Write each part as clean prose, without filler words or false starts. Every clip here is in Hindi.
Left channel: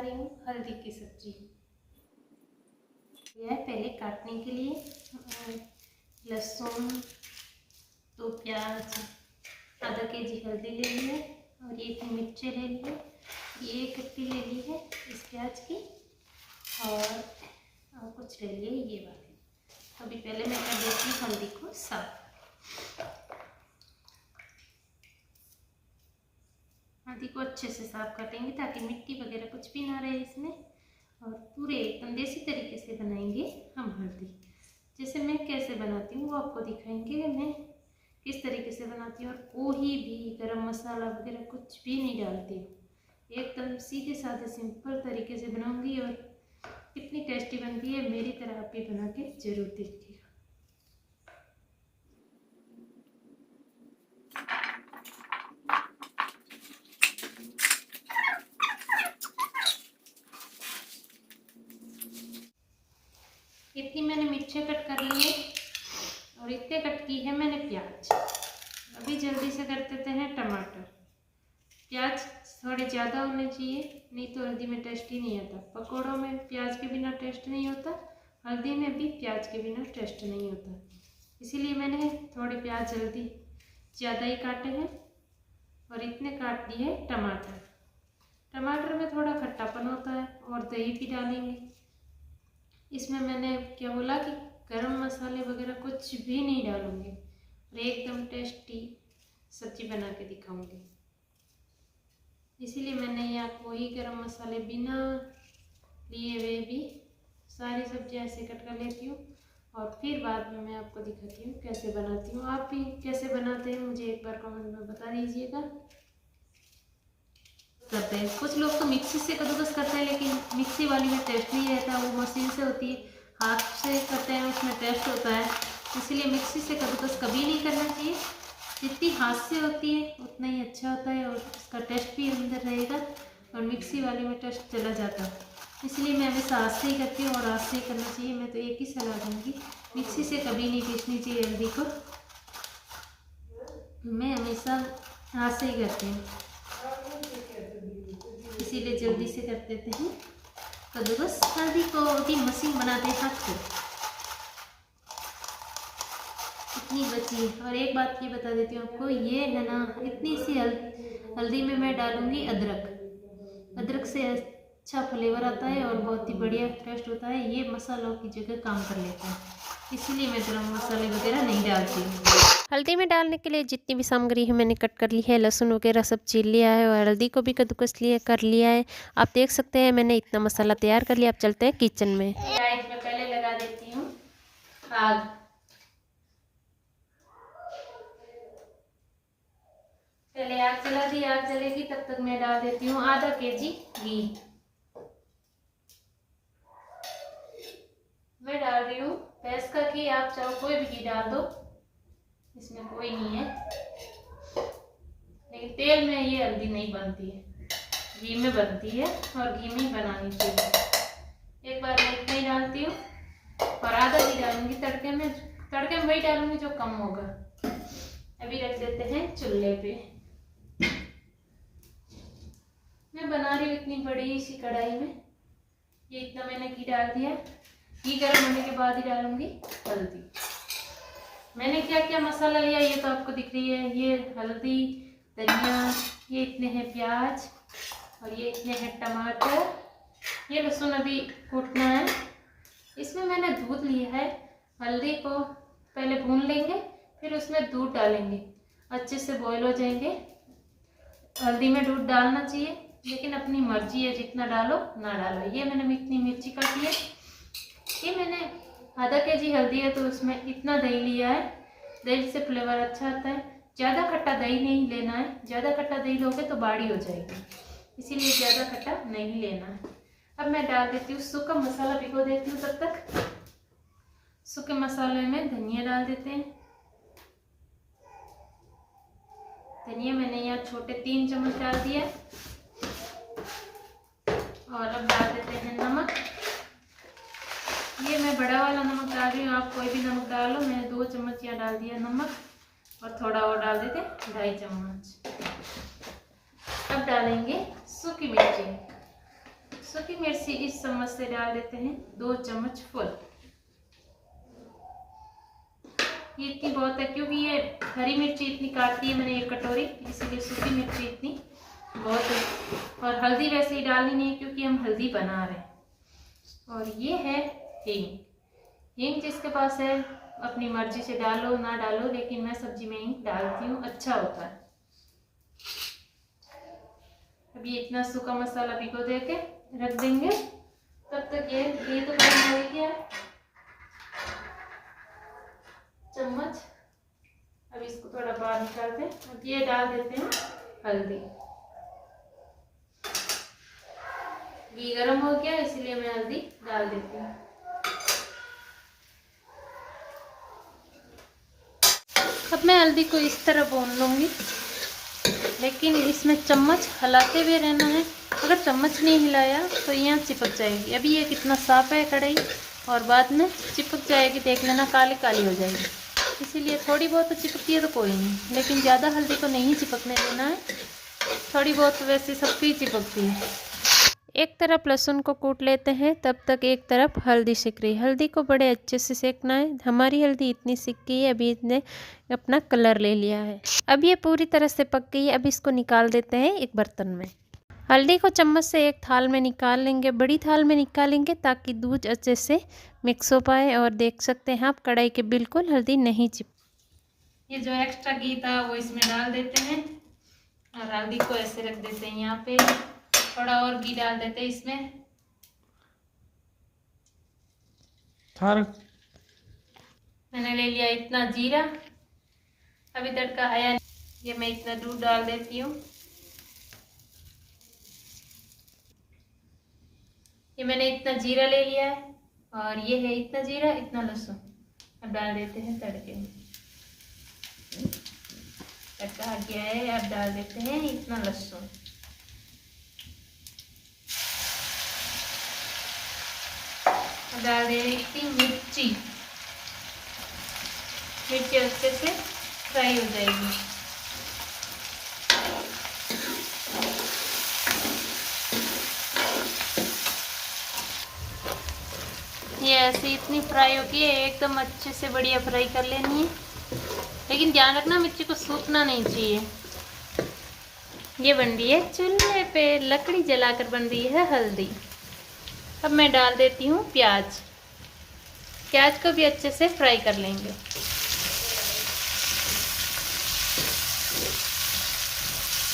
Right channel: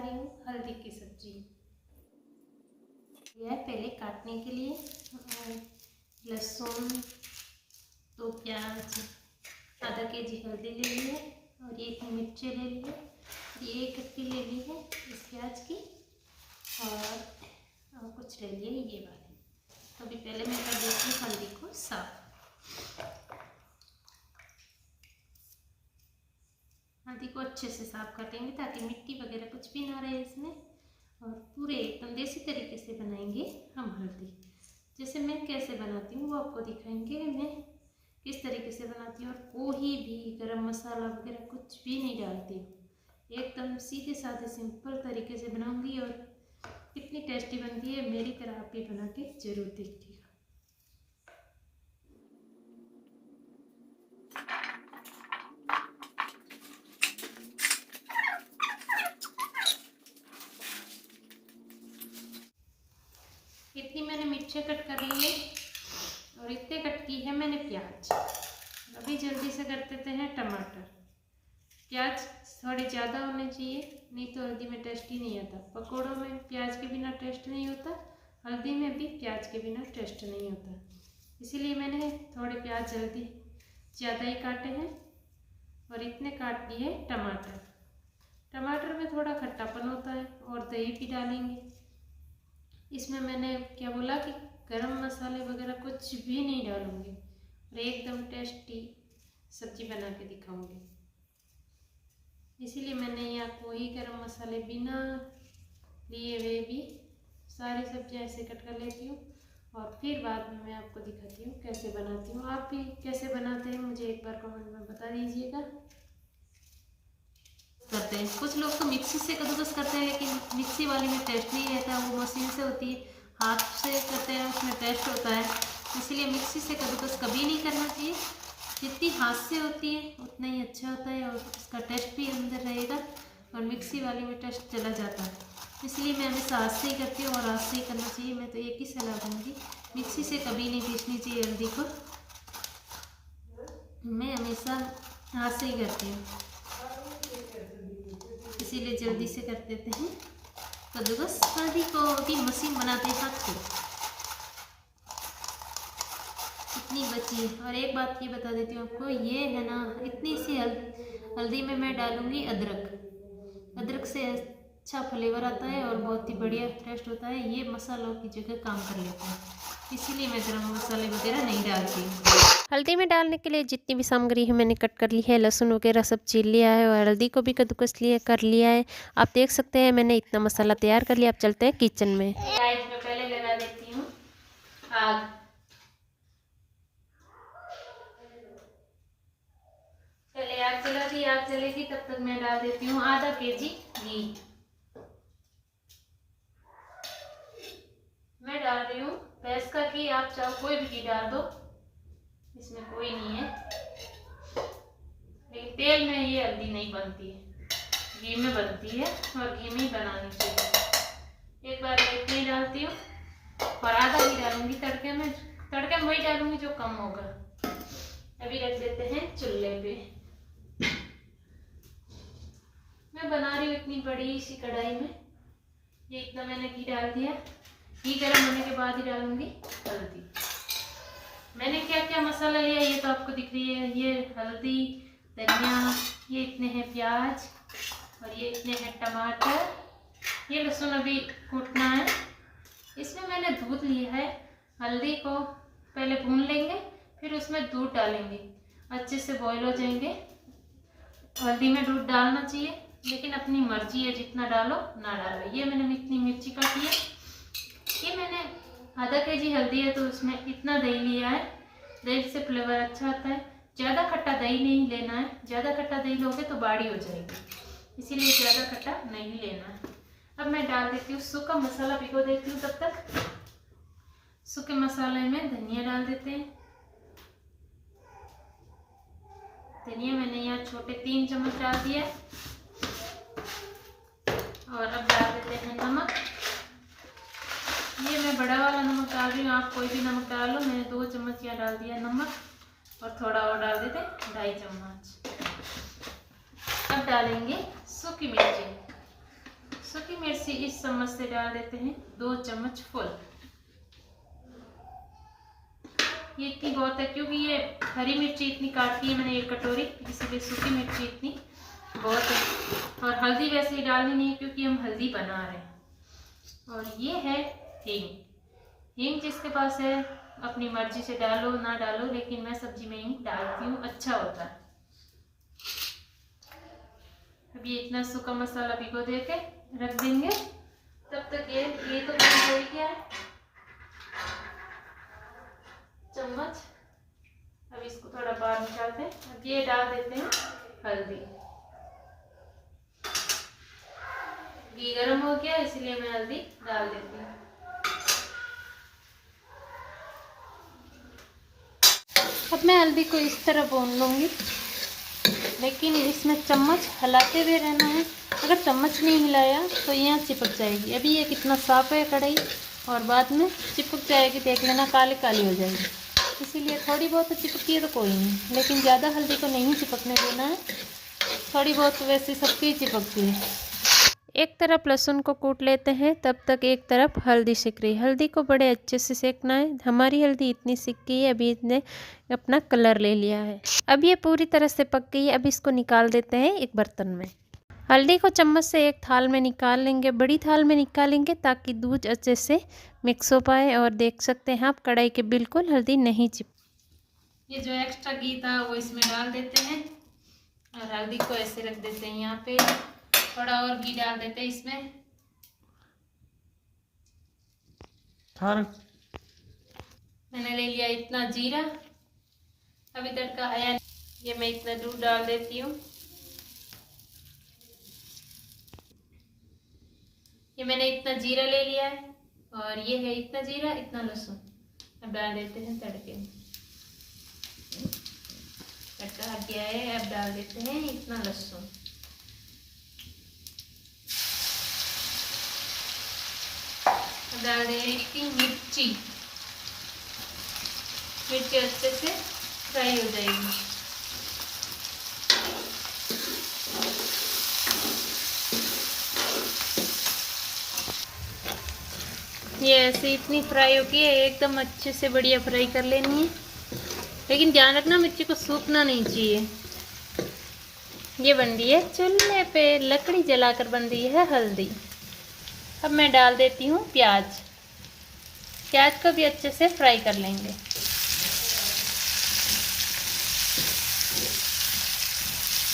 रही हूँ हल्दी की सब्जी। यह पहले काटने के लिए लहसुन, 2 प्याज, आधा केजी हल्दी ले ली है और 1 मिर्ची ले ली है, ये 1 कट्टी ले ली है इस प्याज की और कुछ ले लिए ये वाली। तो अभी पहले मैं कर देती हूँ हल्दी को साफ। हल्दी को अच्छे से साफ कर लेंगे ताकि मिट्टी वगैरह कुछ भी ना रहे इसमें, और पूरे एकदम देसी तरीके से बनाएंगे हम हल्दी। जैसे मैं कैसे बनाती हूँ वो आपको दिखाएंगे, मैं किस तरीके से बनाती हूँ। और कोई भी गरम मसाला वगैरह कुछ भी नहीं डालती हूँ, एकदम सीधे साधे सिंपल तरीके से बनाऊंगी और कितनी टेस्टी बनती है। मेरी तरह आप भी बना के जरूर देखिएगा। इतनी मैंने मिर्चें कट कर ली है और इतने कट की है मैंने प्याज। अभी जल्दी से कर देते हैं टमाटर। प्याज थोड़े ज़्यादा होने चाहिए, नहीं तो हल्दी में टेस्ट ही नहीं आता। पकौड़ों में प्याज के बिना टेस्ट नहीं होता, हल्दी में भी प्याज के बिना टेस्ट नहीं होता। इसीलिए मैंने थोड़े प्याज जल्दी ज़्यादा ही काटे हैं और इतने काट दिए टमाटर। टमाटर में थोड़ा खट्टापन होता है और दही भी डालेंगे इसमें। मैंने क्या बोला कि गरम मसाले वगैरह कुछ भी नहीं डालूंगी और एकदम टेस्टी सब्जी बना के दिखाऊंगी। इसीलिए मैंने यहाँ कोई गरम मसाले बिना लिए हुए भी सारी सब्जियाँ ऐसे कट कर लेती हूँ और फिर बाद में मैं आपको दिखाती हूँ कैसे बनाती हूँ। आप भी कैसे बनाते हैं मुझे एक बार कमेंट में बता दीजिएगा। करते हैं कुछ लोग तो मिक्सी से कद्दूकस करते हैं, लेकिन मिक्सी वाली में टेस्ट नहीं रहता, वो मशीन से होती है। हाथ से करते हैं उसमें टेस्ट होता है, इसलिए मिक्सी से कद्दूकस कभी नहीं करना चाहिए। जितनी हाथ से होती है उतना ही अच्छा होता है और उसका टेस्ट भी अंदर रहेगा, और मिक्सी वाली में टेस्ट चला जाता है। इसलिए मैं हमेशा हाथ से ही करती हूँ और हाथ से ही करना चाहिए। मैं तो एक ही सलाह दूँगी, मिक्सी से कभी नहीं पीसनी चाहिए हल्दी को। मैं हमेशा हाथ से ही करती हूँ, इसीलिए जल्दी से कर देते हैं कद्दूकस। हल्दी को अभी मशीन बनाते हैं हाथ से, इतनी बची। और एक बात ये बता देती हूँ आपको, ये है ना इतनी सी हल्दी में मैं डालूंगी अदरक। अदरक से अच्छा फ्लेवर आता है और बहुत ही बढ़िया टेस्ट होता है। ये मसालों की जगह काम कर लेता है, इसीलिए मैं गरम मसाले वगैरह नहीं डालती हूँ। हल्दी में डालने के लिए जितनी भी सामग्री है मैंने कट कर ली है। लहसुन वगैरह सब छील लिया है और हल्दी को भी कद्दूकस कर लिया है। आप देख सकते हैं मैंने इतना मसाला तैयार कर लिया। अब चलते हैं किचन में। गाइस मैं पहले लगा देती हूँ आग। पहले आग जला दी, आग जलेगी तब तक मैं डाल देती हूँ आधा केजी घी। मैं डाल रही हूँ भैंस का घी, आप चाहो कोई भी घी डाल दो, इसमें कोई नहीं है। लेकिन तेल में ये हल्दी नहीं बनती है, घी में बनती है और घी में ही बनानी चाहिए। एक बार मैं इतना ही डालती हूँ और आधा घी डालूंगी तड़के में। तड़के में वही डालूंगी जो कम होगा। अभी रख देते हैं चूल्हे पे। मैं बना रही हूँ इतनी बड़ी सी कढ़ाई में, ये इतना मैंने घी डाल दिया। घी गर्म होने के बाद ही डालूंगी हल्दी। मैंने क्या क्या मसाला लिया ये तो आपको दिख रही है। ये हल्दी, धनिया, ये इतने हैं प्याज और ये इतने हैं टमाटर, ये लहसुन अभी कूटना है। इसमें मैंने दूध लिया है। हल्दी को पहले भून लेंगे, फिर उसमें दूध डालेंगे, अच्छे से बॉईल हो जाएंगे। हल्दी में दूध डालना चाहिए, लेकिन अपनी मर्जी है, जितना डालो ना डालो। ये मैंने इतनी मिर्ची काटी है। ये मैंने आधा केजी हल्दी है तो उसमें इतना दही लिया है। दही से फ्लेवर अच्छा आता है। ज़्यादा खट्टा दही नहीं लेना है, ज़्यादा खट्टा दही लोगे तो बाड़ी हो जाएगी, इसीलिए ज़्यादा खट्टा नहीं लेना है। अब मैं डाल देती हूँ सूखा मसाला, भिगो देती हूँ तब तक। सूखे मसाले में धनिया डाल देते हैं। धनिया मैंने यहाँ छोटे 3 चम्मच डाल दिया। और अब डाल देते हैं नमक। ये मैं बड़ा वाला नमक डाल रही हूँ, आप कोई भी नमक डालो। मैंने 2 चम्मच यहाँ डाल दिया नमक, और थोड़ा और डाल देते 2.5 चम्मच। अब डालेंगे सूखी मिर्ची। सूखी मिर्ची इस चम्मच से डाल देते हैं 2 चम्मच फुल। ये इतनी बहुत है क्योंकि ये हरी मिर्ची इतनी काटती है मैंने 1 कटोरी, इसीलिए सूखी मिर्ची इतनी बहुत है। और हल्दी वैसे ही डालनी नहीं क्योंकि हम हल्दी बना रहे हैं। और ये है हींग। हींग जिसके पास है अपनी मर्जी से डालो ना डालो, लेकिन मैं सब्जी में हींग डालती हूँ, अच्छा होता है। अब ये इतना सूखा मसाला भिगो देके रख देंगे। तब तक ये तो गर्म हो गया है चम्मच। अब इसको थोड़ा बाहर निकालते हैं। अब ये डाल देते हैं हल्दी। घी गर्म हो गया इसलिए मैं हल्दी डाल देती हूँ। अब मैं हल्दी को इस तरह भून लूँगी, लेकिन इसमें चम्मच हिलाते हुए रहना है। अगर चम्मच नहीं हिलाया तो यहाँ चिपक जाएगी। अभी ये कितना साफ है कढ़ाई, और बाद में चिपक जाएगी, देख लेना काली काली हो जाएगी। इसीलिए थोड़ी बहुत तो चिपकती है तो कोई नहीं, लेकिन ज़्यादा हल्दी को नहीं चिपकने देना है। थोड़ी बहुत वैसी सबकी चिपकती है। एक तरफ लहसुन को कूट लेते हैं, तब तक एक तरफ हल्दी सेक रही है। हल्दी को बड़े अच्छे से सेकना है। हमारी हल्दी इतनी सिक गई है, अभी इसने अपना कलर ले लिया है। अब ये पूरी तरह से पक गई है। अब इसको निकाल देते हैं एक बर्तन में। हल्दी को चम्मच से एक थाल में निकाल लेंगे, बड़ी थाल में निकालेंगे ताकि दूध अच्छे से मिक्स हो पाए। और देख सकते हैं आप कढ़ाई के बिल्कुल हल्दी नहीं चिप। ये जो एक्स्ट्रा घी था वो इसमें डाल देते हैं और हल्दी को ऐसे रख देते हैं यहाँ पे। थोड़ा और घी डाल देते हैं इसमें। मैंने ले लिया इतना जीरा, अभी तड़का आया। ये मैं इतना दूध डाल देती हूँ। ये मैंने इतना जीरा ले लिया है, और ये है इतना जीरा इतना लहसुन। अब डाल देते हैं तड़के में। तड़का आ गया है, अब डाल देते हैं इतना लहसुन। अब डाल दे रही इतनी मिर्ची। मिर्ची अच्छे से फ्राई हो जाएगी। ये ऐसे इतनी फ्राई होगी है, एकदम अच्छे से बढ़िया फ्राई कर लेनी है। लेकिन ध्यान रखना मिर्ची को सूखना नहीं चाहिए। ये बन रही है चूल्हे पे लकड़ी जलाकर बन रही है हल्दी। अब मैं डाल देती हूँ प्याज। प्याज को भी अच्छे से फ्राई कर लेंगे।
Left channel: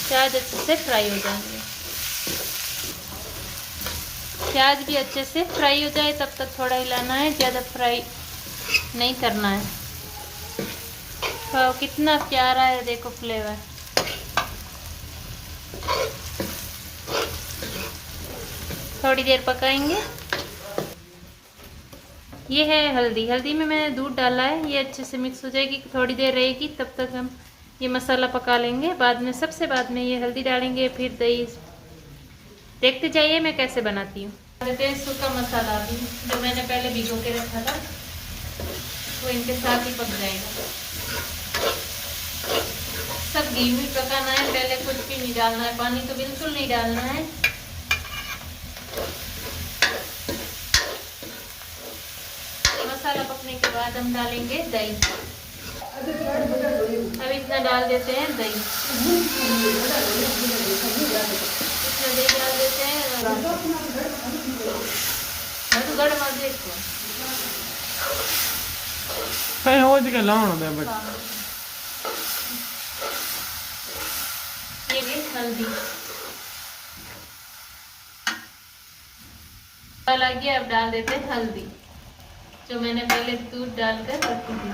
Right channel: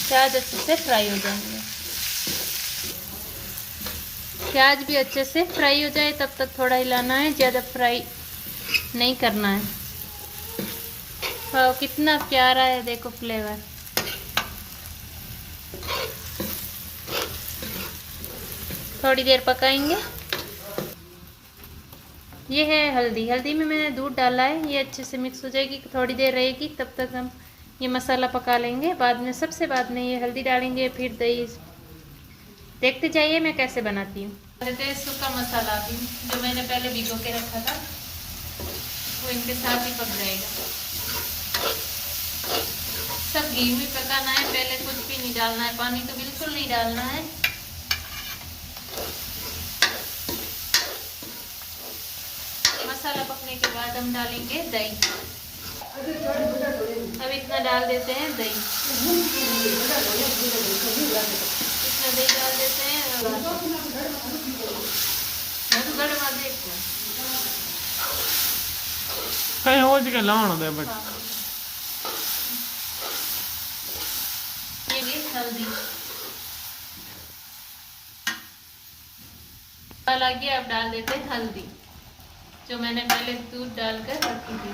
प्याज अच्छे से फ्राई हो जाएंगे। प्याज भी अच्छे से फ्राई हो जाए तब तक थोड़ा हिलाना है, ज़्यादा फ्राई नहीं करना है। तो कितना प्यारा है देखो फ्लेवर। थोड़ी देर पकाएंगे। ये है हल्दी। हल्दी में मैंने दूध डाला है, ये अच्छे से मिक्स हो जाएगी, थोड़ी देर रहेगी। तब तक हम ये मसाला पका लेंगे। बाद में सबसे बाद में ये हल्दी डालेंगे, फिर दही। देखते जाइए मैं कैसे बनाती हूँ। सूखा मसाला भी जो मैंने पहले भिगो के रखा था वो इनके साथ ही पक जाएगा। सब घी में पकाना है, पहले कुछ भी नहीं डालना है, पानी तो बिल्कुल नहीं डालना है। मसाला पकने के बाद हम डालेंगे दही। अब इतना डाल देते हैं दही। इतना दही डाल देते हैं। ये भी हल्दी लगी। अब डाल देते हैं हल्दी जो मैंने पहले दूध डालकर रखी थी।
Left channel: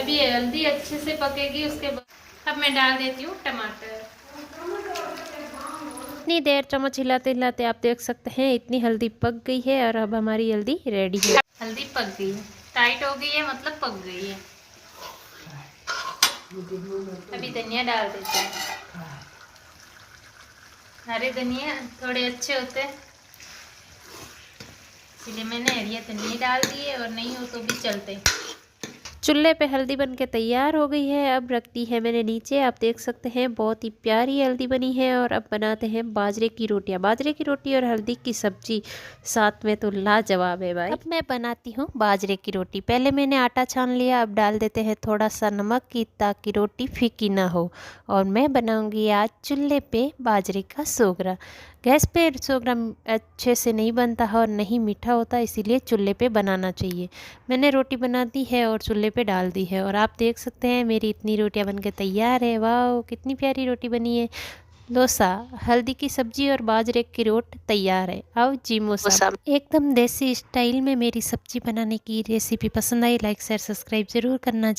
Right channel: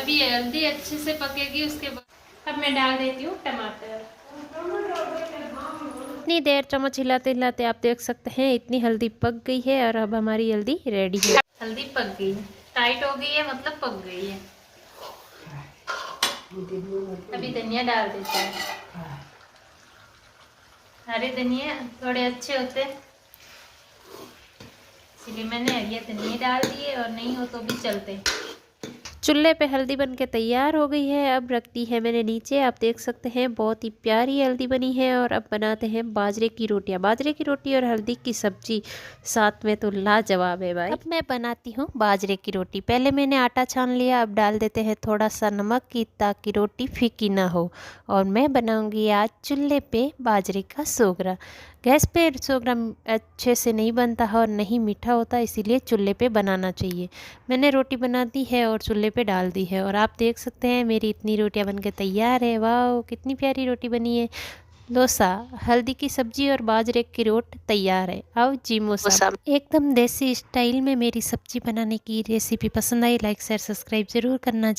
अभी हल्दी अच्छे से पकेगी, उसके बाद अब मैं डाल देती हूँ टमाटर। इतनी देर चम्मच हिलाते हिलाते आप देख सकते हैं इतनी हल्दी पक गई है। और अब हमारी हल्दी रेडी है। हल्दी पक गई, टाइट हो गई है, मतलब पक गई है। अभी धनिया डाल देते हैं। हरे धनिया थोड़े अच्छे होते हैं, इसलिए मैंने हरी धनिया डाल दिए, और नहीं हो तो भी चलते। चूल्हे पे हल्दी बन के तैयार हो गई है। अब रख दी है मैंने नीचे। आप देख सकते हैं बहुत ही प्यारी हल्दी बनी है। और अब बनाते हैं बाजरे की रोटियां। बाजरे की रोटी और हल्दी की सब्जी साथ में तो लाजवाब है भाई। अब मैं बनाती हूँ बाजरे की रोटी। पहले मैंने आटा छान लिया। अब डाल देते हैं थोड़ा सा नमक की ताकि रोटी फीकी ना हो। और मैं बनाऊंगी आज चूल्हे पे बाजरे का सोगरा। गैस पे सोगरा अच्छे से नहीं बनता है और नहीं मीठा होता, इसीलिए चूल्हे पे बनाना चाहिए। मैंने रोटी बना दी है और चूल्हे पे डाल दी है। और आप देख सकते हैं मेरी इतनी रोटियां बनके तैयार है। वाह कितनी प्यारी रोटी बनी है। डोसा, हल्दी की सब्जी और बाजरे की रोट तैयार है। आओ जी मोसा। एकदम देसी स्टाइल में मेरी सब्जी बनाने की रेसिपी पसंद आई, लाइक शेयर सब्सक्राइब जरूर करना।